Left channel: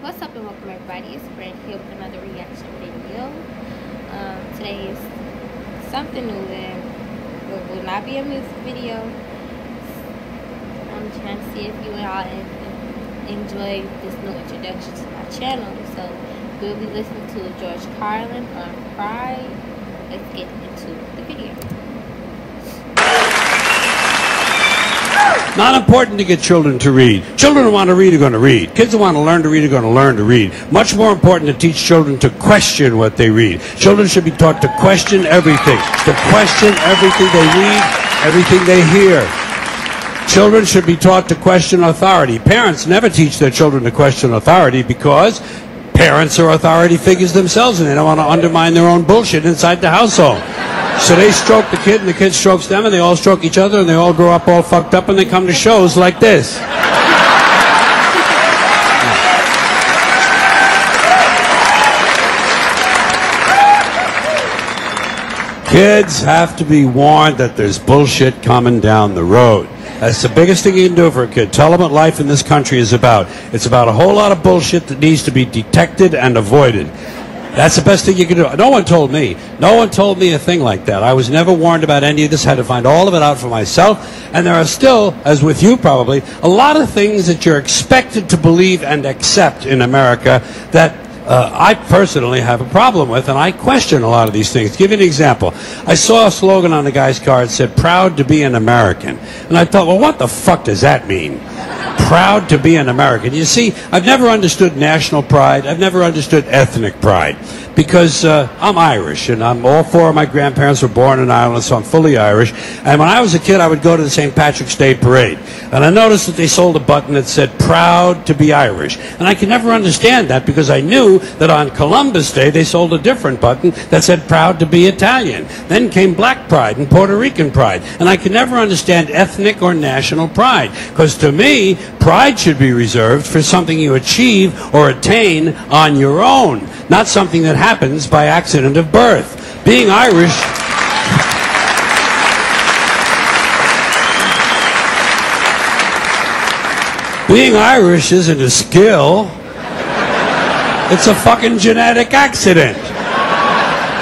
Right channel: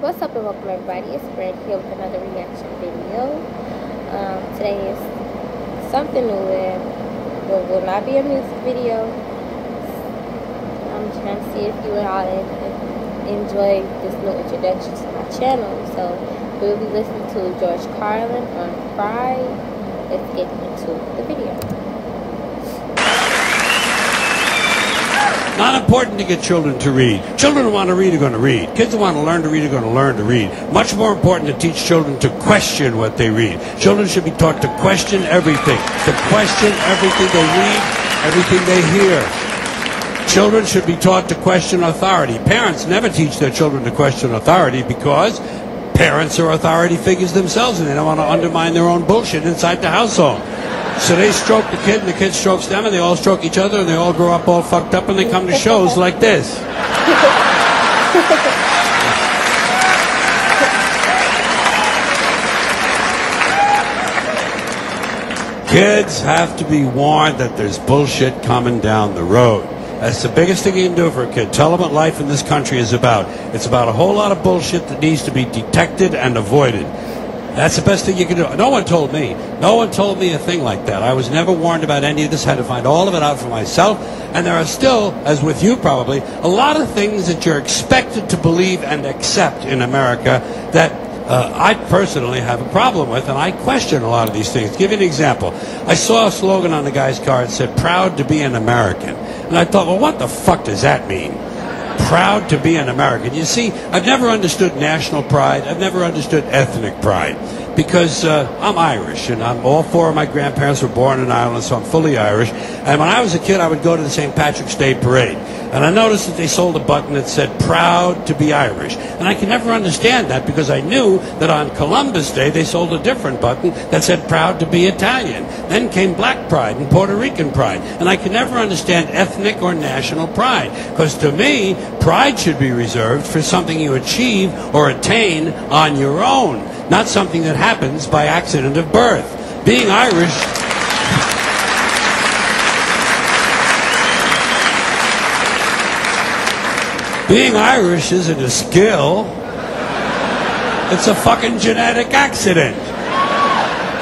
What's up and welcome everybody, it's Brad here with another reaction video. Today is something new and it will not be a music video. I'm trying to see if you all enjoy this new introduction to my channel. So we'll be listening to George Carlin on Pride. Let's get into the video. Not important to get children to read. Children who want to read are going to read. Kids who want to learn to read are going to learn to read. Much more important to teach children to question what they read. Children should be taught to question everything. To question everything they read, everything they hear. Children should be taught to question authority. Parents never teach their children to question authority because parents are authority figures themselves and they don't want to undermine their own bullshit inside the household. So they stroke the kid and the kid strokes them and they all stroke each other and they all grow up all fucked up and they come to shows like this. Kids have to be warned that there's bullshit coming down the road. That's the biggest thing you can do for a kid. Tell them what life in this country is about. It's about a whole lot of bullshit that needs to be detected and avoided. That's the best thing you can do. No one told me. No one told me a thing like that. I was never warned about any of this. I had to find all of it out for myself. And there are still, as with you probably, a lot of things that you're expected to believe and accept in America that I personally have a problem with, and I question a lot of these things. To give you an example, I saw a slogan on the guy's car that said, "Proud to be an American." And I thought, well, what the fuck does that mean? Proud to be an American. You see, I've never understood national pride. I've never understood ethnic pride because I'm Irish, and all four of my grandparents were born in Ireland, so I'm fully Irish. And when I was a kid, I would go to the St. Patrick's Day parade, and I noticed that they sold a button that said "Proud to be Irish," and I could never understand that because I knew that on Columbus Day they sold a different button that said "Proud to be Italian." Then came Black Pride and Puerto Rican pride, and I could never understand ethnic or national pride because to me, pride should be reserved for something you achieve or attain on your own, not something that happens by accident of birth. Being Irish... Being Irish isn't a skill. It's a fucking genetic accident.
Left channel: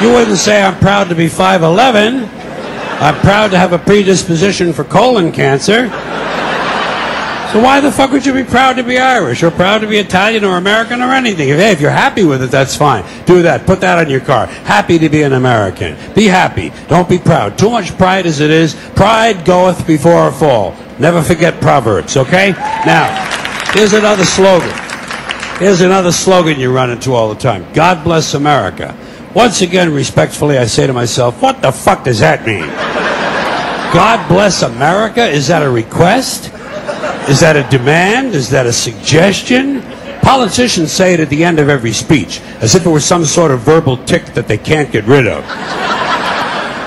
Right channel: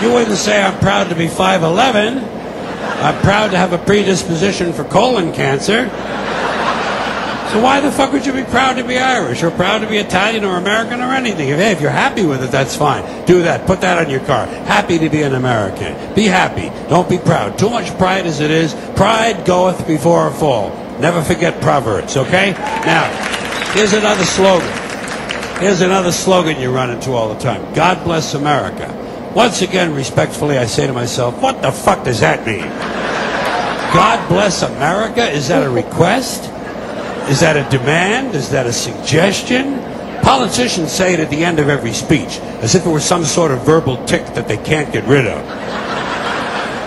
You wouldn't say, "I'm proud to be 5'11". I'm proud to have a predisposition for colon cancer. So why the fuck would you be proud to be Irish or proud to be Italian or American or anything? Hey, if you're happy with it, that's fine. Do that. Put that on your car. Happy to be an American. Be happy. Don't be proud. Too much pride as it is. Pride goeth before a fall. Never forget Proverbs, okay? Now, here's another slogan. Here's another slogan you run into all the time. God bless America. Once again, respectfully, I say to myself, what the fuck does that mean? God bless America? Is that a request? Is that a demand? Is that a suggestion? Politicians say it at the end of every speech, as if it were some sort of verbal tick that they can't get rid of.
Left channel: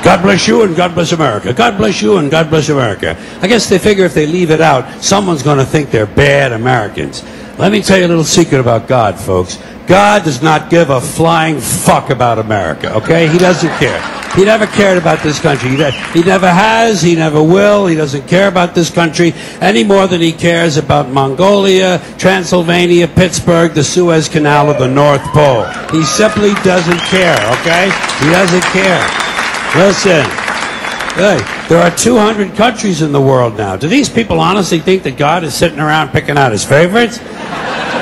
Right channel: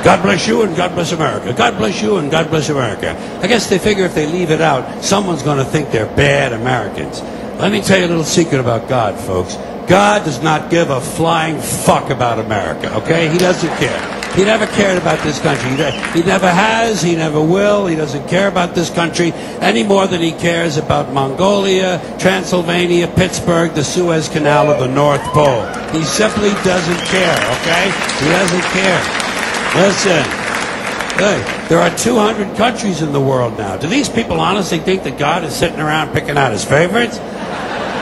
God bless you and God bless America. God bless you and God bless America. I guess they figure if they leave it out, someone's going to think they're bad Americans. Let me tell you a little secret about God, folks. God does not give a flying fuck about America, okay? He doesn't care. He never cared about this country. He never has. He never will. He doesn't care about this country any more than he cares about Mongolia, Transylvania, Pittsburgh, the Suez Canal, or the North Pole. He simply doesn't care, okay? He doesn't care. Listen, hey, there are 200 countries in the world now. Do these people honestly think that God is sitting around picking out his favorites?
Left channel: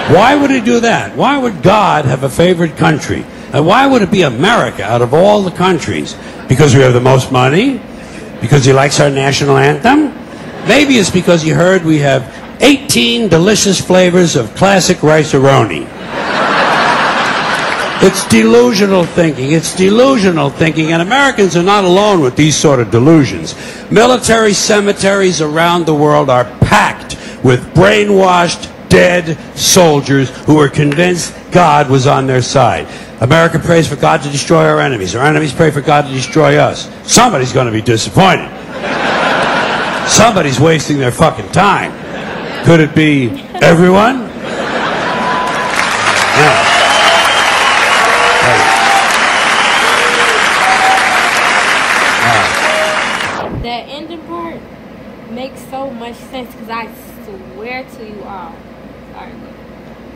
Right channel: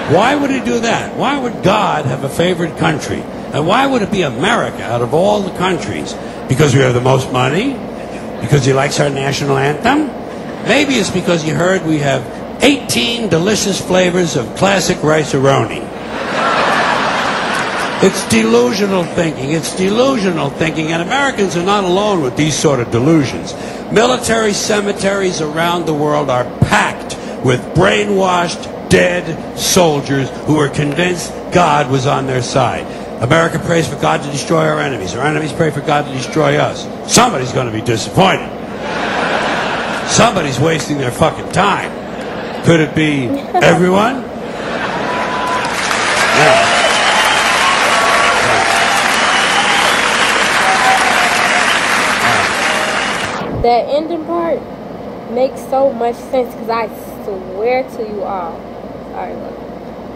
Why would he do that? Why would God have a favorite country? And why would it be America out of all the countries? Because we have the most money? Because he likes our national anthem? Maybe it's because he heard we have 18 delicious flavors of classic rice-a-roni. It's delusional thinking. It's delusional thinking, and Americans are not alone with these sort of delusions. Military cemeteries around the world are packed with brainwashed, dead soldiers who were convinced God was on their side. America prays for God to destroy our enemies. Our enemies pray for God to destroy us. Somebody's going to be disappointed. Somebody's wasting their fucking time. Could it be everyone? Yeah. That ending part makes so much sense because I swear to you all. Sorry, look.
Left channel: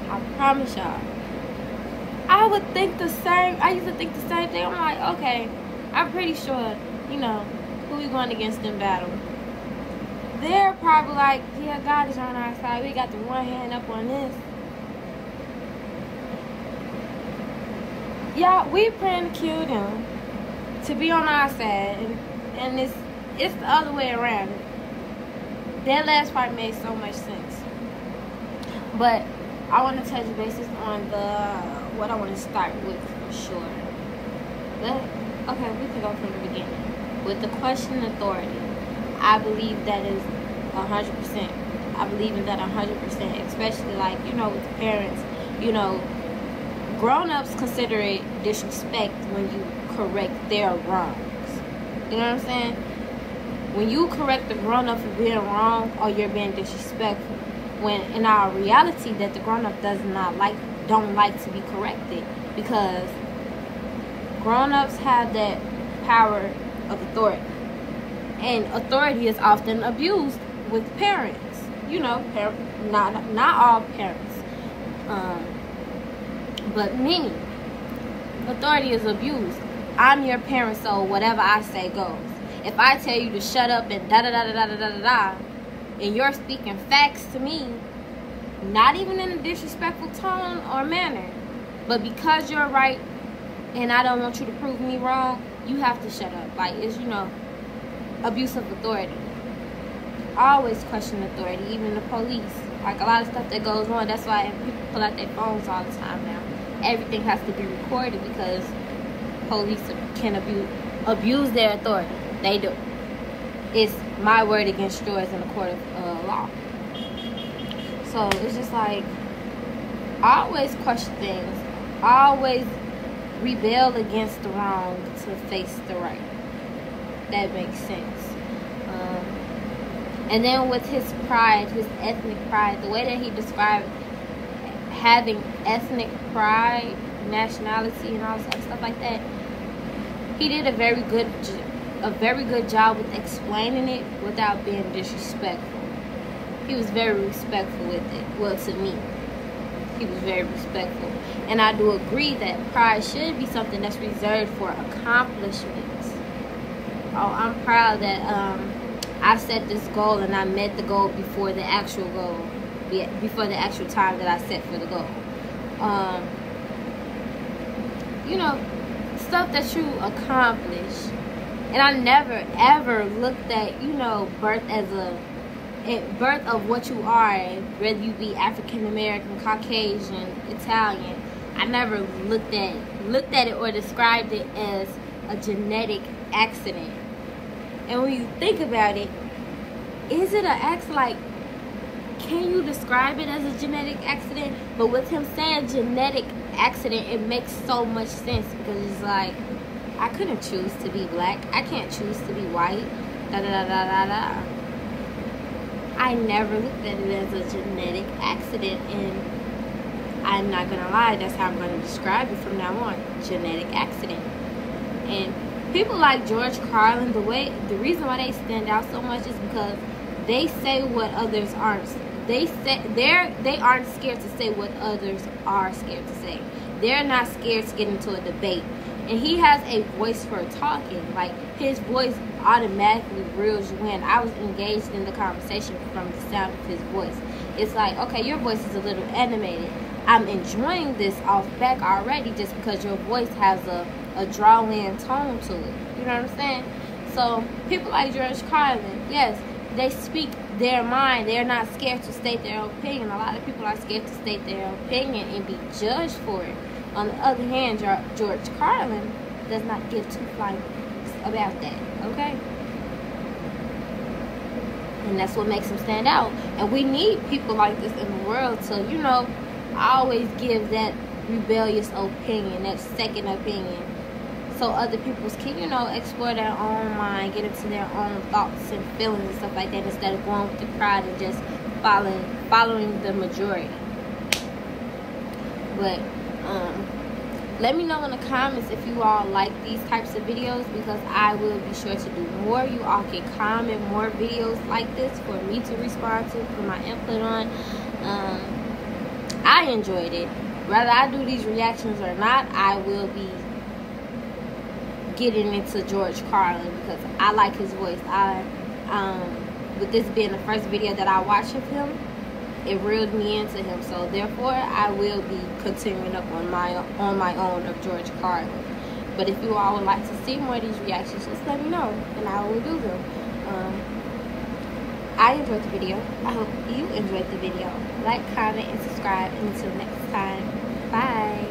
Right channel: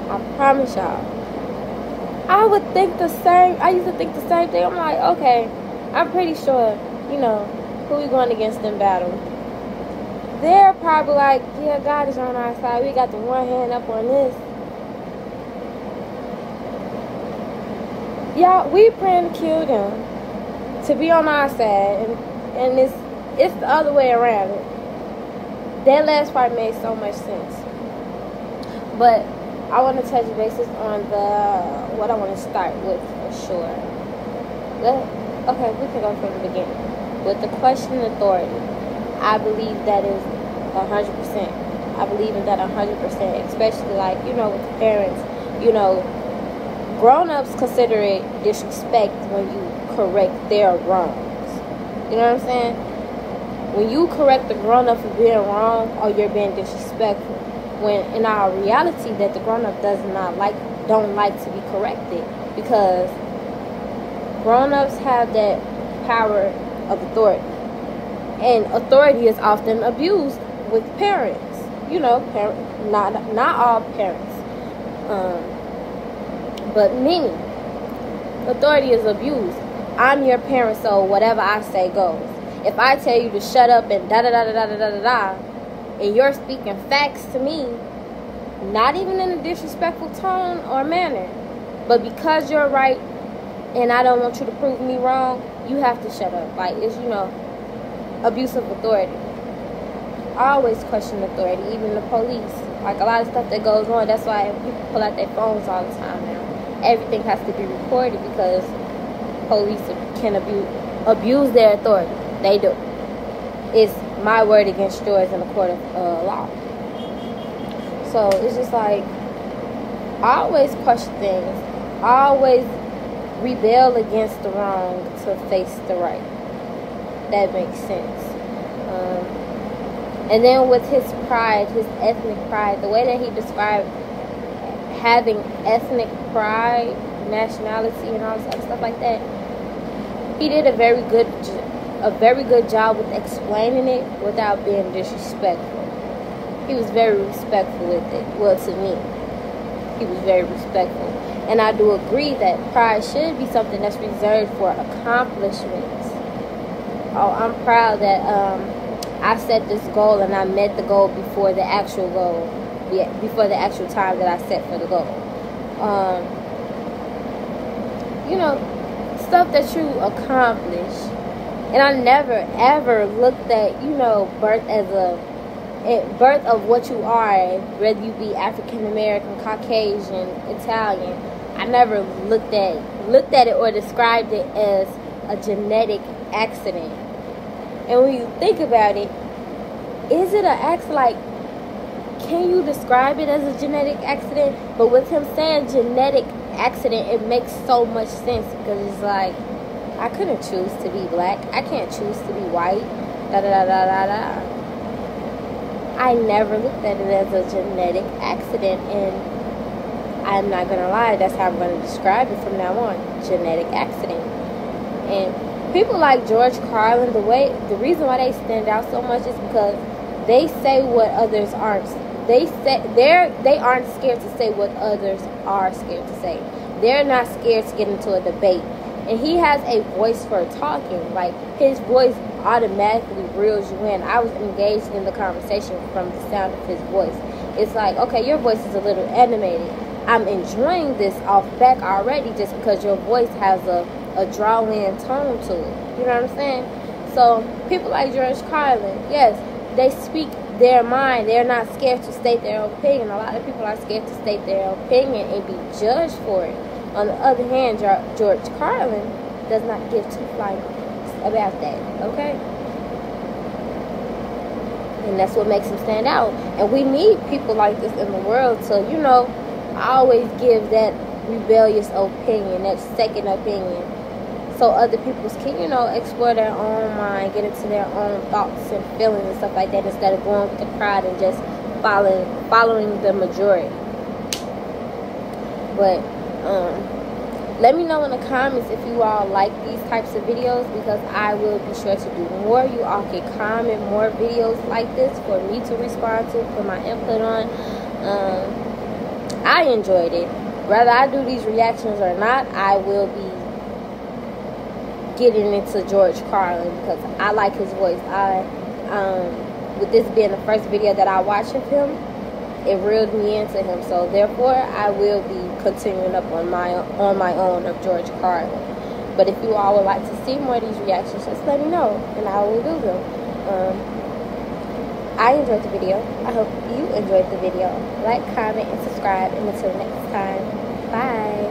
I promise y'all. I would think the same. I used to think the same thing. I'm like, okay, I'm pretty sure, you know, who we going against in battle. They're probably like, yeah, God is on our side. We got the one hand up on this. Yeah, we praying to kill them to be on our side, and it's the other way around. That last part made so much sense. But I want to touch bases on what I want to start with for sure. Okay, we can go from the beginning. With the question authority, I believe that is 100%. I believe in that 100%, especially like, you know, with the parents, you know, grown-ups consider it disrespect when you correct their wrongs. You know what I'm saying? When you correct the grown-up for being wrong, or you're being disrespectful. When in our reality that the grown-up don't like to be corrected, because grown-ups have that power of authority, and authority is often abused with parents. You know, not all parents, but many. Authority is abused. I'm your parent, so whatever I say goes. If I tell you to shut up and da da da da da da da da, and you're speaking facts to me, not even in a disrespectful tone or manner, but because you're right and I don't want you to prove me wrong, you have to shut up. Like, it's, you know, abuse of authority. I always question authority, even the police. Like, a lot of stuff that goes on, that's why people pull out their phones all the time now. Everything has to be recorded because police can abuse their authority. They do. It's my word against yours in a court of law. So it's just like, I always question things. I always rebel against the wrong to face the right. That makes sense. And then with his pride, his ethnic pride, the way that he described having ethnic pride, nationality, and all this other stuff like that, he did a very good job with explaining it without being disrespectful. He was very respectful with it. Well, to me, he was very respectful. And I do agree that pride should be something that's reserved for accomplishments. Oh, I'm proud that I set this goal and I met the goal before the actual goal, before the actual time that I set for the goal. You know, stuff that you accomplish. And I never, ever looked at, you know, birth of what you are, whether you be African American, Caucasian, Italian. I never looked at it or described it as a genetic accident. And when you think about it, is it an accident? Like, can you describe it as a genetic accident? But with him saying genetic accident, it makes so much sense, because it's like, I couldn't choose to be black. I can't choose to be white. Da da da da da da. I never looked at it as a genetic accident, and I'm not gonna lie, that's how I'm gonna describe it from now on. Genetic accident. And people like George Carlin, the reason why they stand out so much is because they say what others aren't. They aren't scared to say what others are scared to say. They're not scared to get into a debate. And he has a voice for talking. Like, his voice automatically reels you in. I was engaged in the conversation from the sound of his voice. It's like, okay, your voice is a little animated. I'm enjoying this off back already just because your voice has a draw-in tone to it. You know what I'm saying? So, people like George Carlin, yes, they speak their mind. They're not scared to state their opinion. A lot of people are scared to state their opinion and be judged for it. On the other hand, George Carlin does not give two flying about that, okay? And that's what makes him stand out. And we need people like this in the world to, you know, always give that rebellious opinion, that second opinion, so other people can, you know, explore their own mind, get into their own thoughts and feelings and stuff like that, instead of going with the crowd and just following the majority. But let me know in the comments if you all like these types of videos, because I will be sure to do more. You all can comment more videos like this for me to respond to, put my input on. I I enjoyed it. Whether I do these reactions or not, I will be getting into George Carlin because I like his voice. With this being the first video that I watched of him, it reeled me into him. So therefore, I will be continuing up on my own of George Carlin. But if you all would like to see more of these reactions, just let me know, and I will do them. I enjoyed the video. I hope you enjoyed the video. Like, comment, and subscribe. And until next time, bye.